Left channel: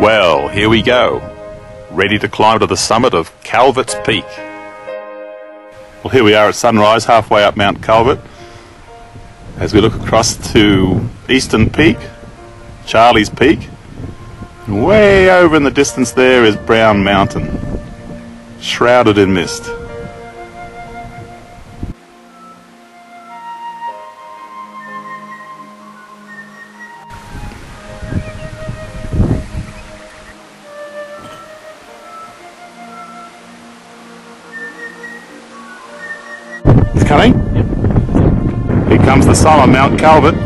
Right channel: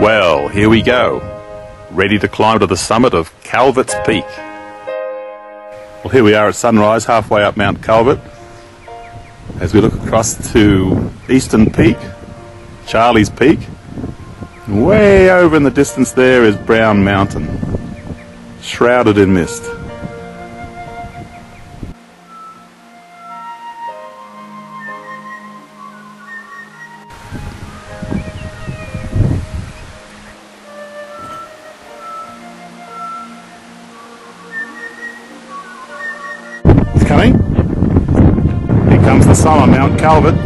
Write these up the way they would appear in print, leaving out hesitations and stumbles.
Well, here we go, ready to climb to the summit of Calvert Peak. Well, here we are at sunrise, halfway up Mount Calvert, as we look across to Eastern Peak, Charlie's Peak, and way over in the distance there is Brown Mountain, shrouded in mist. Coming? Here comes the sun on Mount Calvert.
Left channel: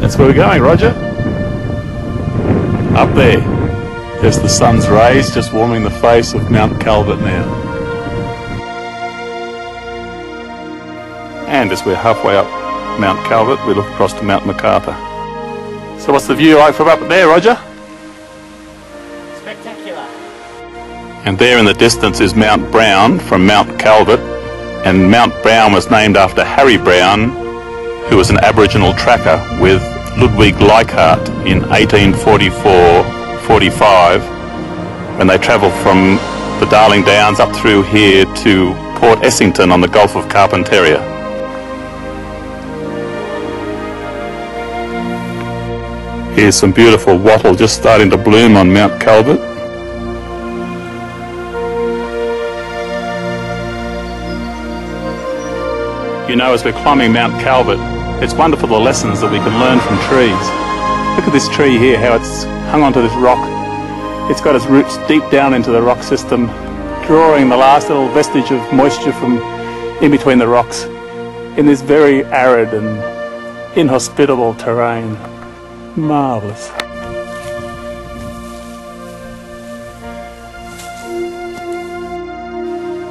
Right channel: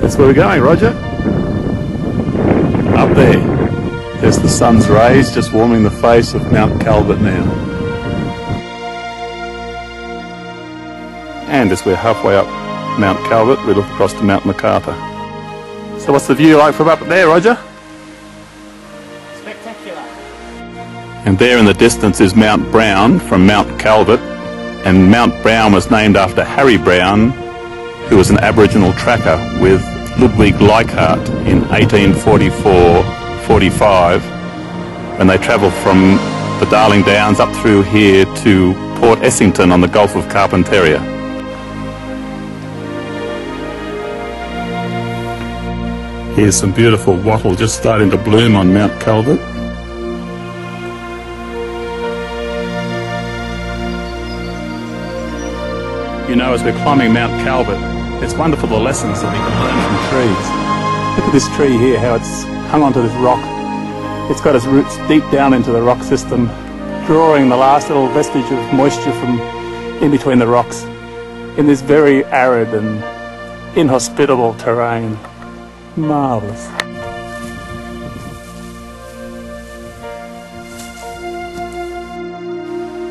That's where we're going, Roger. Up there. Just the sun's rays just warming the face of Mount Calvert now. And as we're halfway up Mount Calvert, we look across to Mount MacArthur. So what's the view like from up there, Roger? Spectacular. And there in the distance is Mount Brown from Mount Calvert. And Mount Brown was named after Harry Brown, who was an Aboriginal tracker with Ludwig Leichhardt in 1845, when they travelled from the Darling Downs up through here to Port Essington on the Gulf of Carpentaria. Here's some beautiful wattle just starting to bloom on Mount Calvert. You know, as we're climbing Mount Calvert, it's wonderful the lessons that we can learn from trees. Look at this tree here, how it's hung onto this rock. It's got its roots deep down into the rock system, drawing the last little vestige of moisture from in between the rocks in this very arid and inhospitable terrain. Marvellous.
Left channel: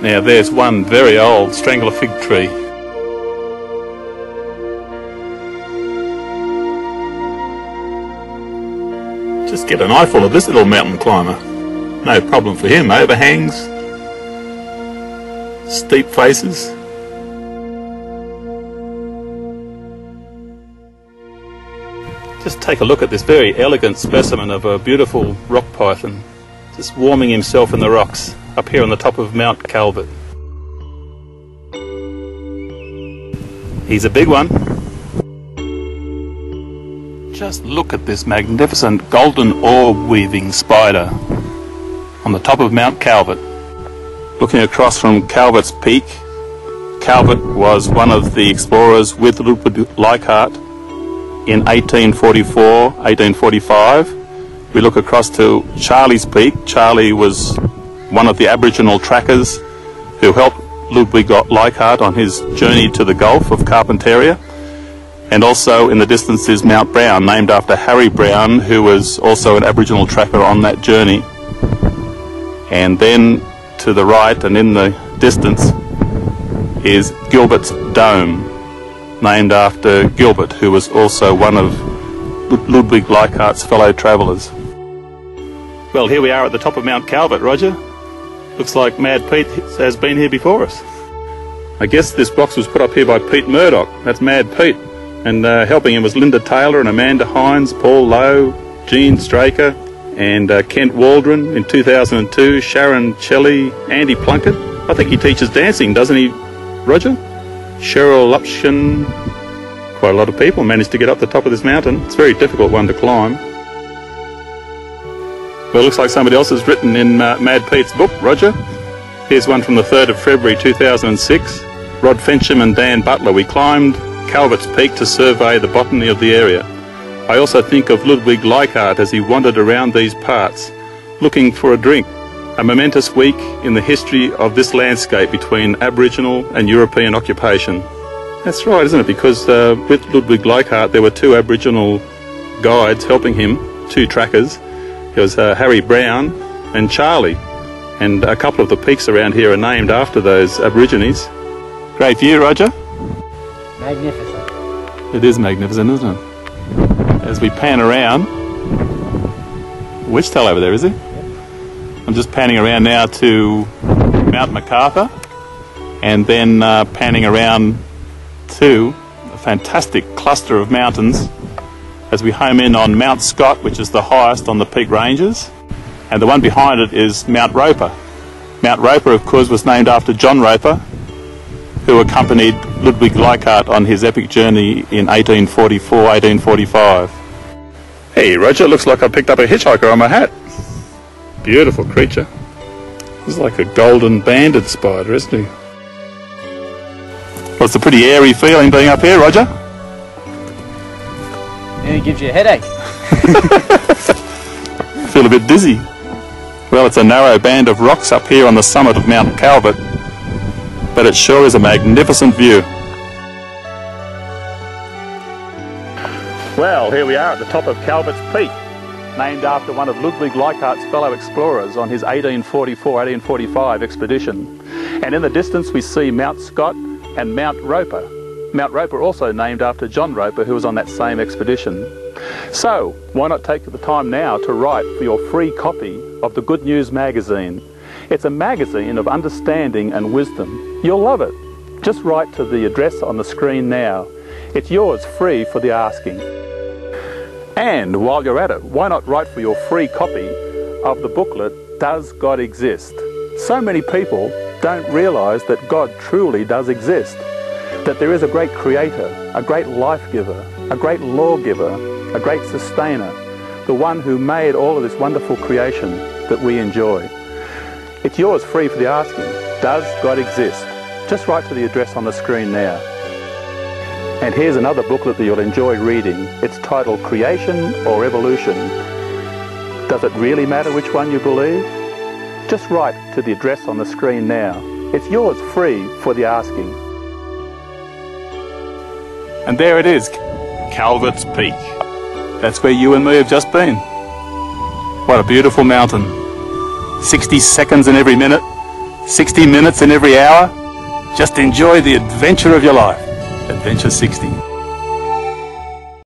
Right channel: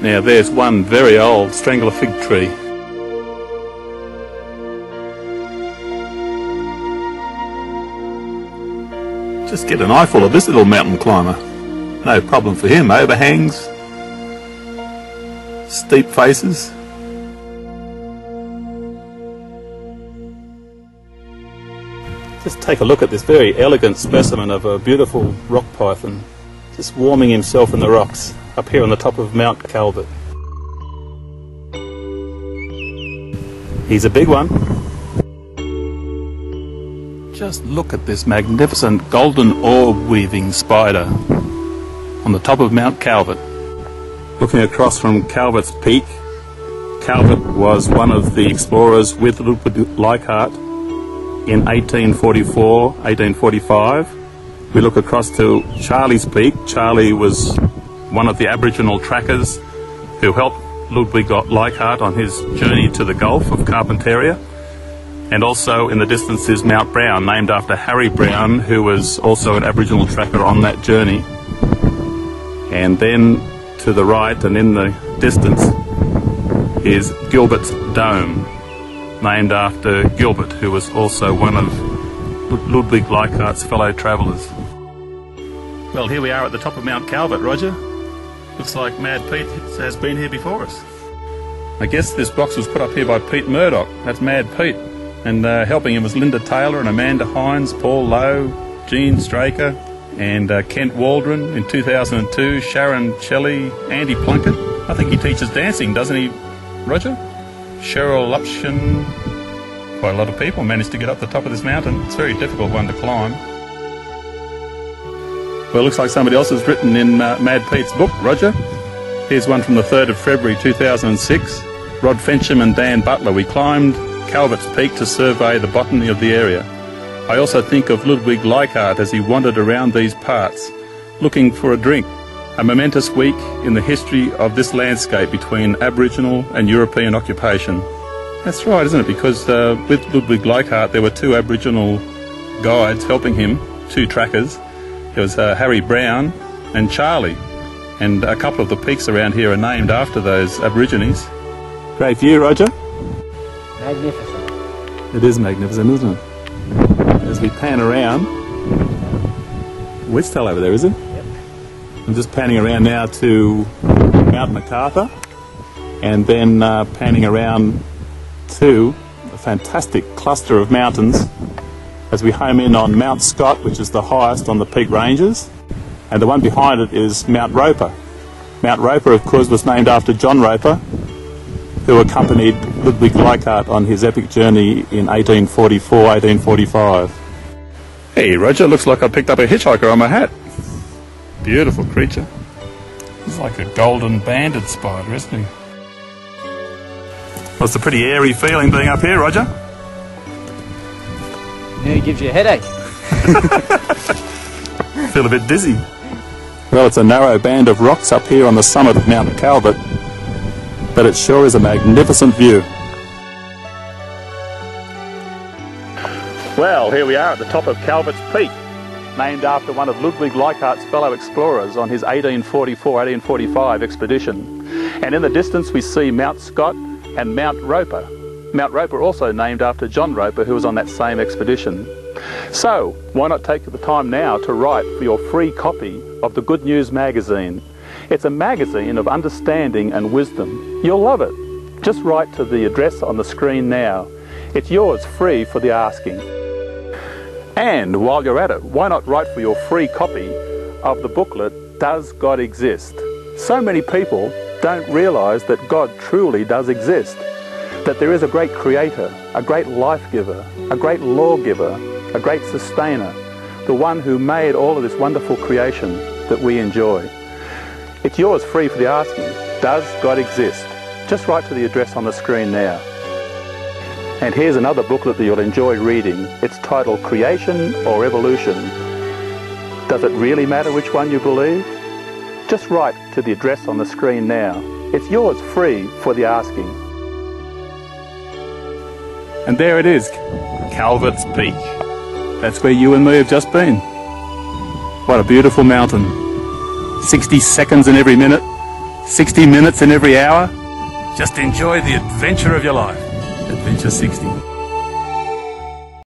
Now there's one very old strangler fig tree. Just get an eyeful of this little mountain climber. No problem for him. Overhangs, steep faces. Just take a look at this very elegant specimen of a beautiful rock python, just warming himself in the rocks up here on the top of Mount Calvert. He's a big one. Just look at this magnificent golden orb weaving spider on the top of Mount Calvert. Looking across from Calvert's Peak, Calvert was one of the explorers with Ludwig Leichhardt in 1844, 1845. We look across to Charlie's Peak. Charlie was one of the Aboriginal trackers who helped Ludwig Leichhardt on his journey to the Gulf of Carpentaria. And also in the distance is Mount Brown, named after Harry Brown, who was also an Aboriginal tracker on that journey. And then to the right and in the distance is Gilbert's Dome, named after Gilbert, who was also one of Ludwig Leichhardt's fellow travellers. Well, here we are at the top of Mount Calvert, Roger. Looks like Mad Pete has been here before us. I guess this box was put up here by Pete Murdoch. That's Mad Pete. And helping him was Linda Taylor and Amanda Hines, Paul Lowe, Jean Straker, and Kent Waldron in 2002, Sharon Shelley, Andy Plunkett. I think he teaches dancing, doesn't he, Roger? Cheryl Lupshin. Quite a lot of people managed to get up the top of this mountain. It's a very difficult one to climb. Well, it looks like somebody else has written in Mad Pete's book, Roger. Here's one from the 3rd of February 2006. Rod Fensham and Dan Butler. We climbed Calvert's Peak to survey the botany of the area. I also think of Ludwig Leichhardt as he wandered around these parts, looking for a drink. A momentous week in the history of this landscape between Aboriginal and European occupation. That's right, isn't it? Because with Ludwig Leichhardt there were 2 Aboriginal guides helping him, 2 trackers. There was Harry Brown and Charlie. And a couple of the peaks around here are named after those Aborigines. Great view, Roger. Magnificent. It is magnificent, isn't it? As we pan around, Witchtail over there, is it? Yep. I'm just panning around now to Mount MacArthur, and then panning around to a fantastic cluster of mountains as we home in on Mount Scott, which is the highest on the Peak Ranges, and the one behind it is Mount Roper. Mount Roper, of course, was named after John Roper, who accompanied Ludwig Leichhardt on his epic journey in 1844, 1845. Hey Roger, looks like I picked up a hitchhiker on my hat. Beautiful creature. He's like a golden banded spider, isn't he? Well, it's a pretty airy feeling being up here, Roger. Yeah, it gives you a headache. Feel a bit dizzy. Well, it's a narrow band of rocks up here on the summit of Mount Calvert, but it sure is a magnificent view. Well, here we are at the top of Calvert's Peak, named after one of Ludwig Leichhardt's fellow explorers on his 1844-1845 expedition. And in the distance we see Mount Scott and Mount Roper. Mount Roper also named after John Roper, who was on that same expedition. So, why not take the time now to write for your free copy of the Good News magazine? It's a magazine of understanding and wisdom. You'll love it. Just write to the address on the screen now. It's yours free for the asking. And while you're at it, why not write for your free copy of the booklet, Does God Exist? So many people don't realise that God truly does exist. That there is a great creator, a great life giver, a great lawgiver, a great sustainer, the one who made all of this wonderful creation that we enjoy. It's yours free for the asking. Does God exist? Just write to the address on the screen now. And here's another booklet that you'll enjoy reading. It's titled Creation or Evolution. Does it really matter which one you believe? Just write to the address on the screen now. It's yours free for the asking. And there it is, Calvert's Peak. That's where you and me have just been. What a beautiful mountain. 60 seconds in every minute, 60 minutes in every hour. Just enjoy the adventure of your life. Adventure 60.